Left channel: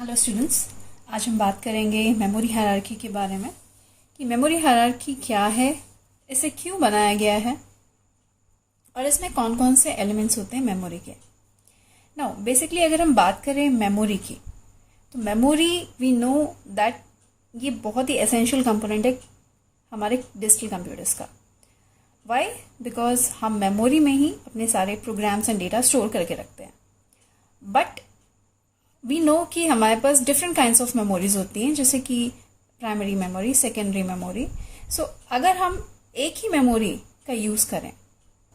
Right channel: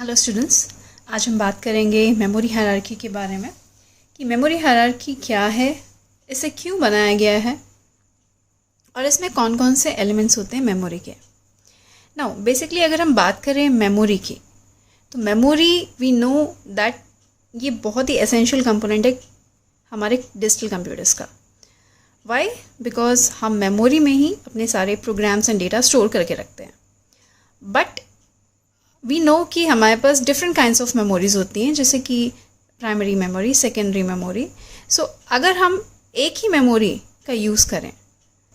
Hello students, आज हम बात करेंगे मेमोरी हायरार्की के बारे में कि मेमोरी हायरार्की क्या है, इसे क्यों बनाया गया है और इसमें कौन कौन से एलिमेंट्स होते हैं मेमोरी के। नाउ बेसिकली अगर हम बात करें मेमोरी की, तो मेमोरी वी नो दैट ये बहुत ही एसेंशियल कंपोनेंट है हमारे डिजिटल कंप्यूटर्स का। वाई? बिकॉज हम मेमोरी में ही अपने सारे प्रोग्राम्स एंड डेटा स्टोर करके रखते हैं। बट वी नो कि हमारे पास डिफरेंट काइंड्स ऑफ मेमोरीज होती हैं, जैसे कि प्राइमरी मेमोरी, सेकेंडरी मेमोरी। सो अगर हम एक ही मेमोरी का यूज़ करें,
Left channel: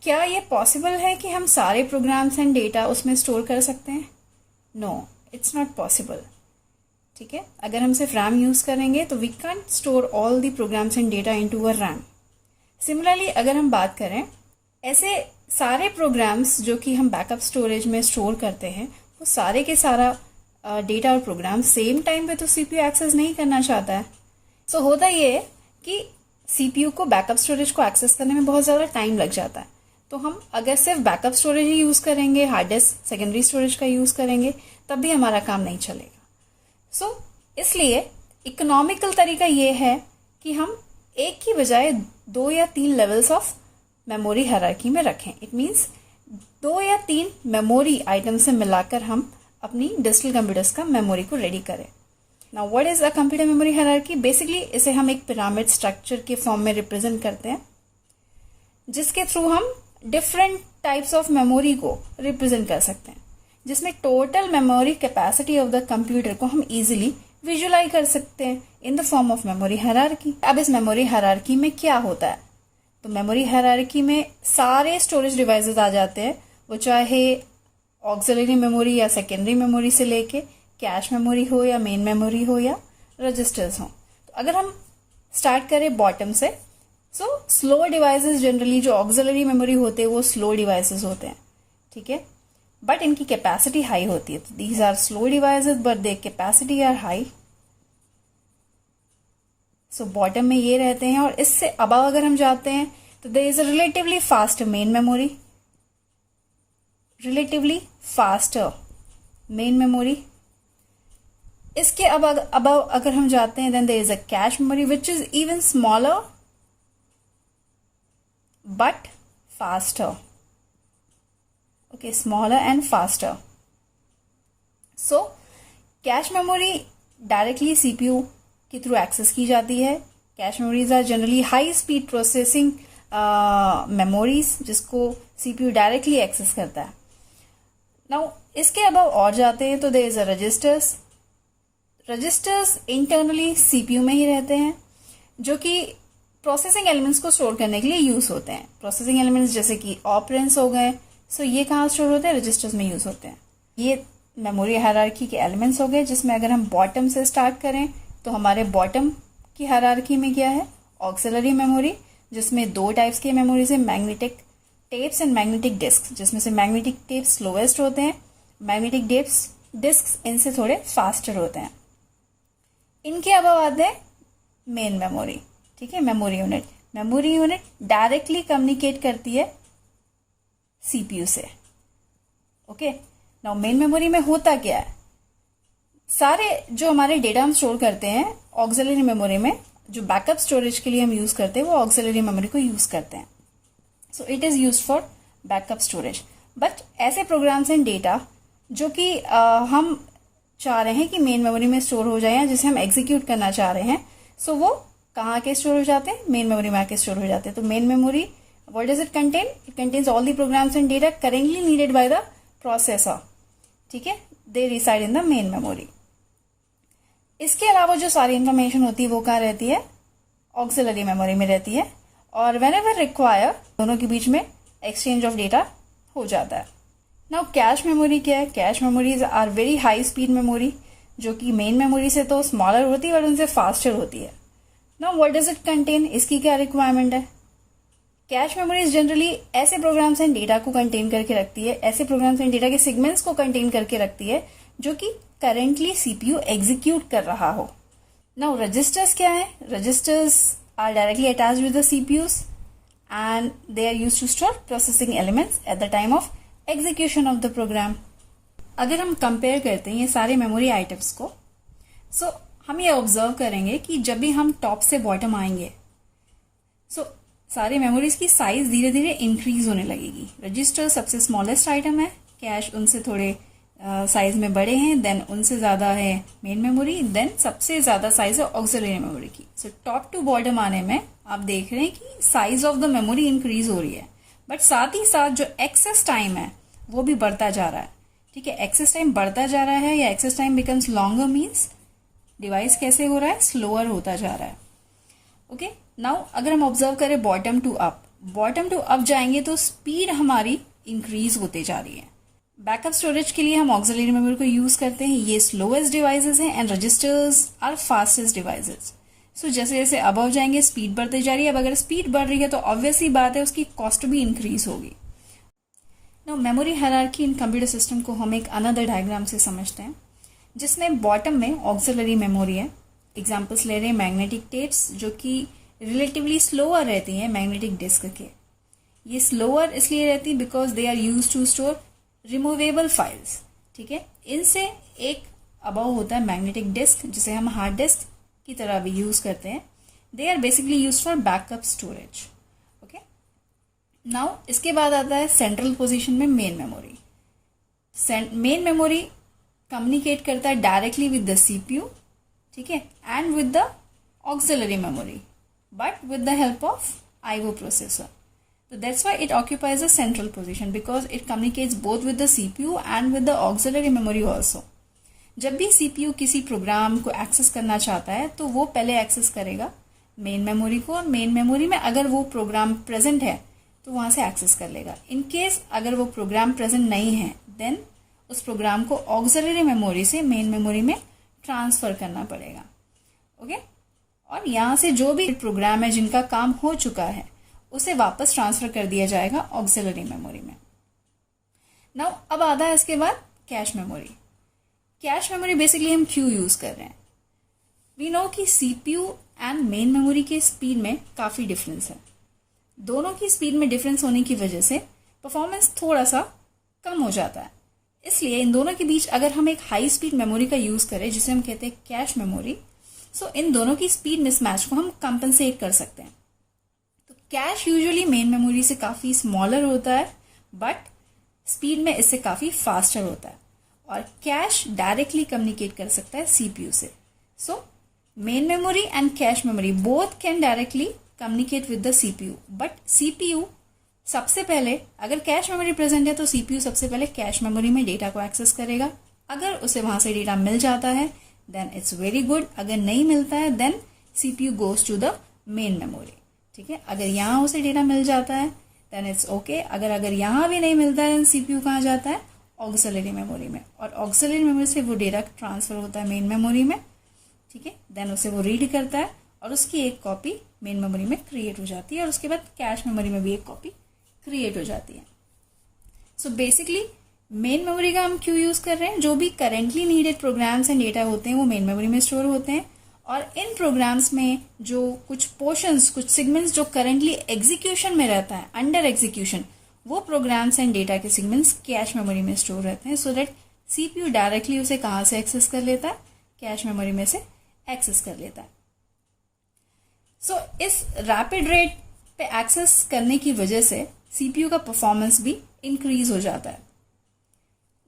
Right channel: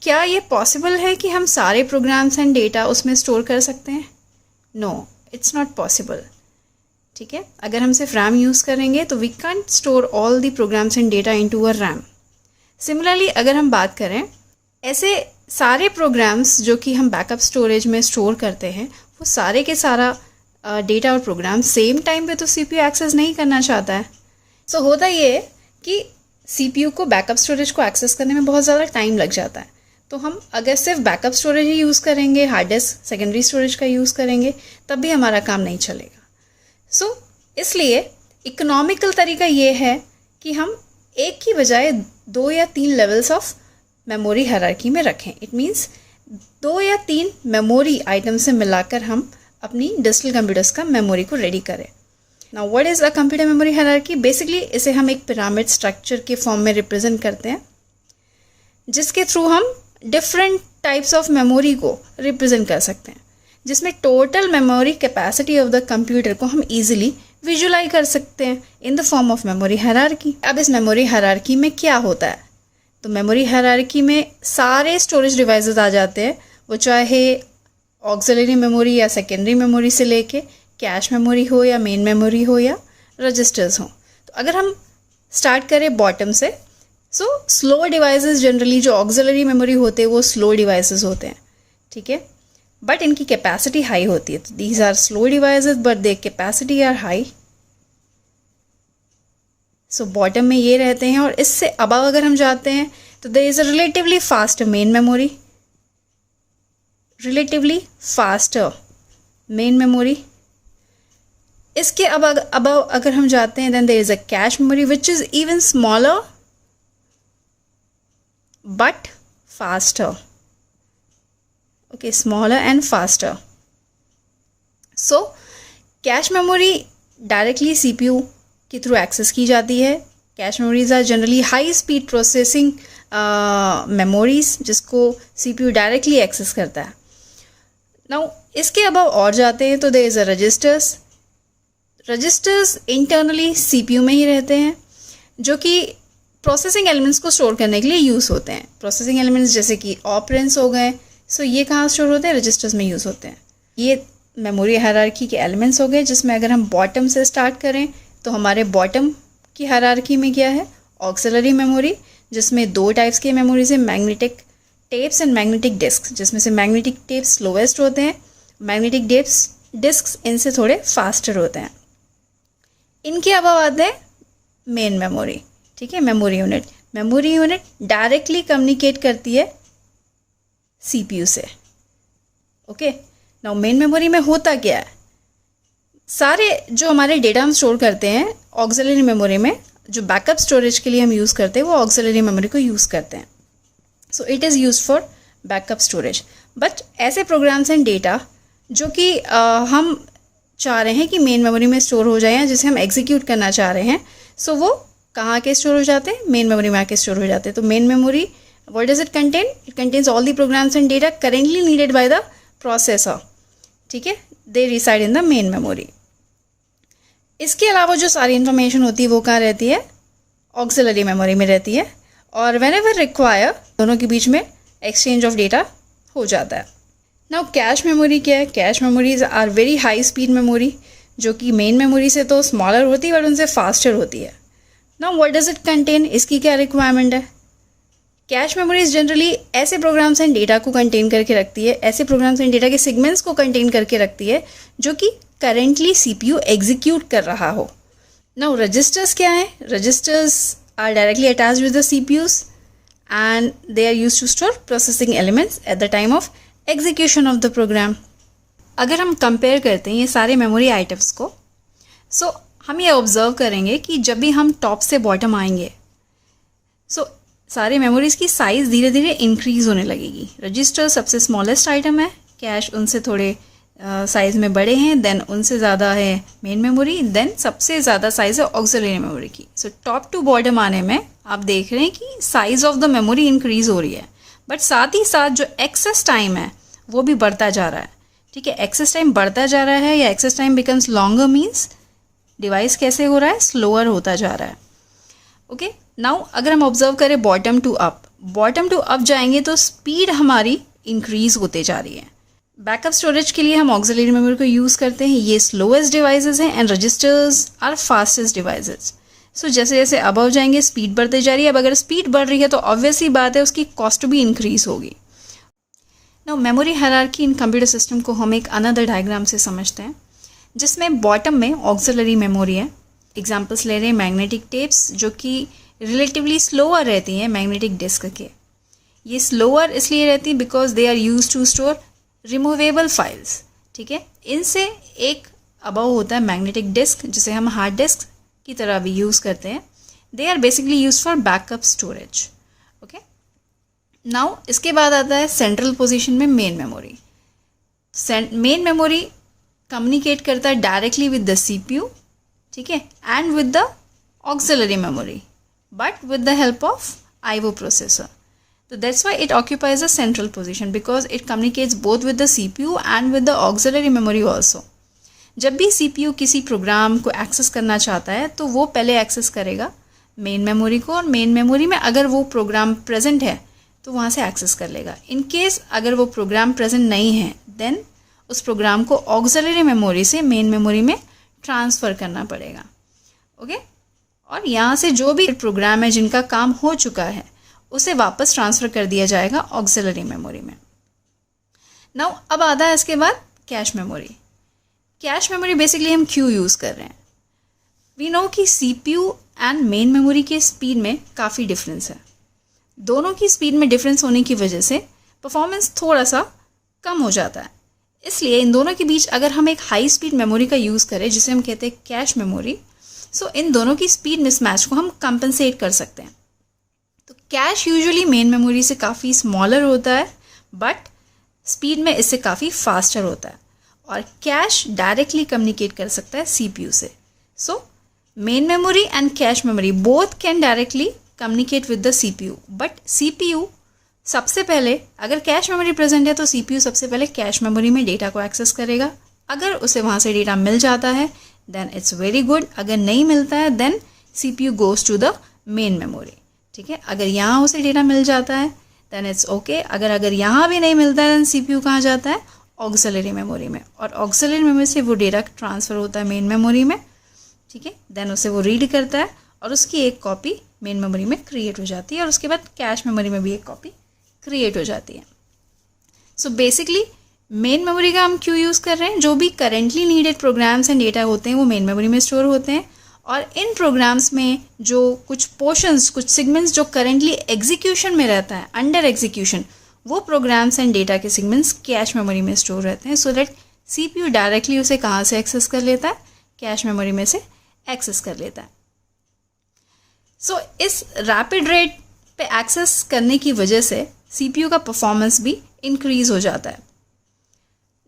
क्या ये पॉसिबल है कि हम सारे प्रोग्राम्स एंड डेटा उसमें स्टोर कर सकते हैं? No, it's not possible. ठीक है, अगर हम सिर्फ रैम यूज़ करेंगे तो we can't store all the programs and data into a RAM. Similarly अगर हम बात करें, ऐसे सारे प्रोग्राम्स जो कि हम बैकअप स्टोरेज में स्टोर करते हैं, वो सारे के सारा डेटा और प्रोग्राम सेम टाइम पे तो सीपीयू एक्सेस नहीं करना चाहता है। सो होता ये है कि सीपीयू को बैकअप स्टोरेज को एक्सेस करने में बहुत ज़्यादा टाइम लग जाता है। तो हम अगर सिर्फ बैकअप स्टोरेज ही यूज़ करेंगे, हार्ड डिस्क सेकेंडरी स्टोरेज का यूज़ करेंगे, तब भी हमारा काम नहीं चलेगा। सो इसलिए इकोनॉमिकल तरीका ये है कि हम एक की बजाय 2 या 3 लेवल्स ऑफ मेमोरी हायरार्की में रखें। इट मीन्स 2 या 3 मेमोरी आइटम से मिलाकर हम अपनी डिजिटल कंप्यूटर्स का मेमोरी को रेडी करें। Now what is a computer memory hierarchy? Basically इसे हम एक पिरामिड स्ट्रक्चर के फॉर्म में रिप्रेजेंट करते हैं, जिसके थ्रू हम डिफरेंट टाइप्स ऑफ मेमोरी को रिप्रेजेंट कर सकते हैं, जिसमें total memory capacity of the computer को हम इजीली विजुलाइज कर सकते हैं in the form of memory hierarchy. अब इस मेमोरी हायरार्की में क्या होता है? तो मेमोरी हायरार्की में सारे स्टोरेज डिवाइसेस आ जाते हैं, वो चाहे ऑक्सिलरी मेमोरी या सेकेंडरी मेमोरी से लेके कैश मेमोरी हो या मेन मेमोरी हो या रजिस्टर्स हो। तो अगर हम स्टार्ट करें बॉटम से, सो स्लो डिवाइसेस जनरली जो ऑक्सिलरी मेमोरी होते हैं वो स्लो डिवाइसेस होते हैं। ठीक है, बट इनकी कैपेसिटी हाई होती है। तो these are slow devices but their capacity are high. So bottom में ये रहते हैं, और इससे अबव अगर हम जाते हैं तो there is a relatively fast main memory, relatively faster main memory. इसके अबव अगर हम जाते हैं, then there is a cache memory which is even smaller but faster. Okay, smaller and faster. So cache memory directly CPU के थ्रू access की जाती है। Cache memories are generally high speed processing memories, जिसको सीपीयू डायरेक्टली एक्सेस करता है। Now इसके above और जाते हैं तो there is a registers. Registers internally CPU में ही रहते हैं, जो कि प्रोसेसिंग एलिमेंट्स को स्टोर करने के लिए यूज़ होते हैं। प्रोसेसिंग एलिमेंट्स जैसे कि ऑपरेंड्स हो गए, सो ये कहाँ स्टोर होते हैं? रजिस्टर्स में यूज़ होते हैं। ये मेमोरी हायरार्की के एलिमेंट्स हो गए, जिसमें अगर हम बॉटम से स्टार्ट करें तो हमारे बॉटम की हायरार्की में क्या है? ऑक्सिलरी मेमोरी, जिसमें 2 टाइप्स की मेमोरीज है, magnetic tapes and magnetic disk, जिसमें से मैग्नेटिक टेप्स स्लोएस्ट होते हैं, मैग्नेटिक डिस्क इनसे थोड़े फास्टर होते हैं। इनके अलावा आते हैं मेन मेमोरी। ठीक है, memory unit. Memory unit directly communicate करती है सीपीयू से। ओके, नाउ मेन मेमोरी में होता क्या है? सारे जो हमारे डेटा हम स्टोर करते हैं ऑक्सिलरी मेमोरी में, जो बैकअप स्टोरेज के लिए हम यूज़ करते हैं, वो ऑक्सिलरी मेमोरी को यूज़ करते हैं। So it is use for backup storage. But ऐसे प्रोग्राम्स एंड डेटा जो कि हम चाह रहे हैं कि मेन मेमोरी में स्टोर हो जाए, या जिसे हम एग्जीक्यूट करना चाह रहे हैं, सो वो कहाँ के स्टोर हो जाते हैं? मेन मेमोरी में आके स्टोर हो जाते हैं। तो main memory, what does it contain? It contains all the programs and data currently needed by the processor. ठीक है, they reside in the main memory. इसके अलावा जो सारी इन्फॉर्मेशन होती है वो कहाँ रहती है? ऑक्सिलरी मेमोरी में रहती है, और व्हेनेवर रिक्वायर दोनों के बीच में एक्सचेंज ऑफ डेटा हो जाता है। नाउ कैश मेमोरी क्या है? Cache memories are very high speed memory, जो कि मेन मेमोरी से तो स्मॉलर होती है बट उनसे फास्टर होती है। Now what does it contain? इसकी क्या रिक्वायरमेंट है? कैश मेमोरीज जनरली ऐसे प्रोग्राम्स एंड डेटा को कंटेन करके रखती है, ऐसे प्रोग्राम्स एंड डेटा के सेगमेंट्स को कंटेन करके रखती है जो कि करेंटली सीपीयू एग्जीक्यूट कर रहा हो। नाउ रजिस्टर्स क्या है? Registers are directly attached with the CPUs and they are used to store processing elements at the time of execution of the program. अगर हम कंपेयर करते हैं ये सारे मेमोरी आइटम्स को, सो हम ये ऑब्जर्व करेंगे कि जब भी हम टॉप से बॉटम आएंगे, सो सारे मेमोरीज़ की साइज़ धीरे धीरे इंक्रीज़ होने लगेगी। रजिस्टर सबसे स्मॉलेस्ट आइटम है, कैश उनसे थोड़े साइज़ में बड़े हैं, देन उनसे ज़्यादा है मेन मेमोरी, देन सबसे ज़्यादा साइज़ है ऑक्सिलरी मेमोरी की। सो टॉप टू बॉटम आने में आप देख रहे हैं कि size of the memory increase हो रही है, बट साथ ही साथ जो एक्सेस टाइम है वो भी बढ़ता जा रहा है। ठीक है, एक्सेस टाइम बढ़ता जा रहा है या access time becomes longer means device कैसे हो रहा है, स्लोअर होता जा रहा है। ओके, नाउ अगर हम ऑब्जर्व करें बॉटम टू अप जाएंगे तो स्पीड हमारी इंक्रीज होते जा रही है। बैकअप स्टोरेज के लिए हम ऑक्सिलरी मेमोरी को यूज़ करते हैं, ये स्लोएस्ट डिवाइसेस हैं and registers are fastest devices. So जैसे जैसे अबव जाएंगे स्पीड बढ़ते जा रही है। अब अगर स्पीड बढ़ रही है तो ऑब्वियसली बात है उसकी कॉस्ट भी इंक्रीज होगी। Now memory hierarchy in computer system को हम एक अनदर डायग्राम से समझते हैं, जिसमें बॉटम में ऑक्सिलरी मेमोरी है। एग्जाम्पल्स ले रहे हैं मैग्नेटिक टेप्स, जो कि रिलेटिवली स्लोअर रहती हैं मैग्नेटिक डिस्क के। ये स्लोअर इसलिए रहती है because they are use to store removable files. ठीक है, इनसे एक अबव होता है मैग्नेटिक डिस्क, जिसे हम हार्ड डिस्क की तरह भी यूज़ करते हैं। They are basically use for backup storage. Okay, now इसके बाद आता है सेंट्रल पोजीशन में main memory. Main memory communicate करता है डायरेक्टली विद द सीपीयू, ठीक है, and with the auxiliary memory, but with the help of IO processor. So that's why it occupies a central position because it communicates both with the CPU and with the auxiliary memory also. जब भी CPU किसी programme को access करना चाहता है तो वो पहले एक्सेस करेगा मेन मेमोरी को, और मेन मेमोरी में अगर वो प्रोग्राम प्रेजेंट है तो वहाँ से एक्सेस कर लेगा। इन केस अगर वो प्रोग्राम प्रेजेंट नहीं है देन उस प्रोग्राम को ऑक्सिलरी मेमोरी से मेन मेमोरी में ट्रांसफ़र करना पड़ेगा। ओके, और यहाँ से जो भी प्रोग्राम है जिनका काम हो चुका है उसे वापस ट्रांसफ़र कर दिया जाएगा ऑक्सिलरी मेमोरी में। नाउ अब आता है इसके बाद cache memory. Cache memory basically हम क्यों यूज़ कर रहे हैं? वी नो कि सीपीयू एंड मेन मेमोरी के स्पीड में काफ़ी डिफरेंस है। दोनों की स्पीड में डिफरेंस होने की वजह से परफॉर्मेंस थोड़ा सा कम हो जाता है। इसलिए इन दोनों के बीच अगर हम एक हाई स्पीड मेमोरी का यूज़ करें जिसे हम कहते हैं कैश मेमोरी, सो इन दोनों की स्पीड मिसमैच को हम कंपनसेट कर सकते हैं। तो कैश यूजुअली मेन मेमोरी से काफ़ी स्मॉलर होता है बट स्पीड में इससे काफ़ी फास्टर होता है, और कैश डायरेक्टली कम्युनिकेट कर सकता है सीपीयू से। So main memory and cache memory both can directly communicate with the CPU, but CPU सबसे पहले, अगर कैश मेमोरी प्रेजेंट है तो सीपीयू सबसे पहले कैश मेमोरी में डेटा को एक्सेस करेगा। अगर उसे वहाँ से डेटा मिल जाता है देन इट्स वेरी गुड, अगर नहीं मिलता है then CPU goes to the main memory. ठीक है, अगर यहाँ उसे डेटा मिल जाता है देन इट्स ओके, अगर यहाँ भी नहीं मिलता है देन सीपीयू कहाँ जाता है? ऑक्सिलरी मेमोरी में, और ऑक्सिलरी मेमोरी से वो डेटा ट्रांसफ़र होता है मेन मेमोरी में। ठीक है, देन उसे वो रीड करता है और उसकी एक कॉपी मेन मेमोरी में क्रिएट हो जाती है, और उसके बाद कैश मेमोरी में भी एक कॉपी क्रिएट हो जाती है। सो बेसिकली मेन मेमोरी का हम क्यों यूज़ कर रहे हैं? जो भी currently needed programs and data होते हैं वो मेन मेमोरी में स्टोर होते हैं, और इन प्रोग्राम्स में जो कुछ पोर्शंस, कुछ सेगमेंट्स जो करेंटली एग्जीक्यूशन में रहता है, अंडर एग्जीक्यूशन, वो प्रोग्राम्स एंड डेटा के सेगमेंट्स कैश मेमोरी में स्टोर रहते हैं, सो दैट सीपीयू डायरेक्टली उसे कहाँ से एक्सेस कर लेता है? कैश मेमोरी में से एक्सेस कर लेता है। सो इस रैपिड रेट पे एक्सेस करने की वजह से सीपीयू का परफॉर्मेंस भी इंक्रीज हो जाता है।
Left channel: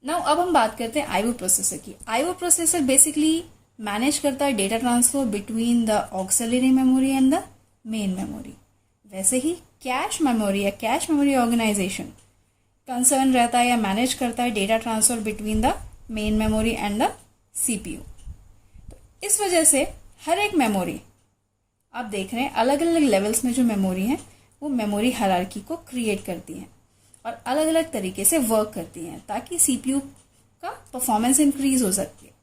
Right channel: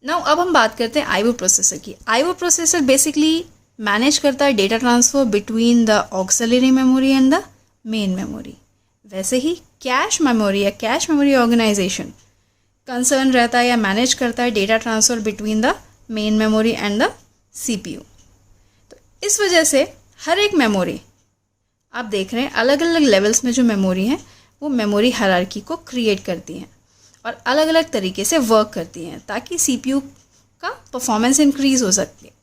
नाउ अब हम बात करते हैं आईओ प्रोसेसर की। आईओ प्रोसेसर बेसिकली मैनेज करता है data transfer between the auxiliary memory and the main memory. वैसे ही कैश मेमोरी या कैश मेमोरी ऑर्गेनाइजेशन कंसर्न रहता है या मैनेज करता है data transfer between the main memory and the CPU. तो इस वजह से हर एक मेमोरी, आप देख रहे हैं अलग अलग लेवल्स में जो मेमोरी हैं वो मेमोरी हायरार्की को क्रिएट करती हैं और अलग अलग तरीके से वर्क करती हैं ताकि सीपीयू का परफॉर्मेंस इंक्रीज हो सकती है।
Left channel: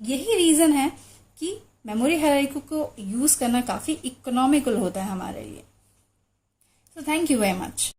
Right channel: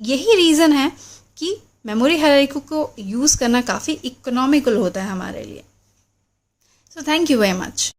यही रीज़न है कि मेमोरी हायरार्की को यूज़ करना काफ़ी इकोनॉमिकल होता है हमारे लिए। So thank you very much.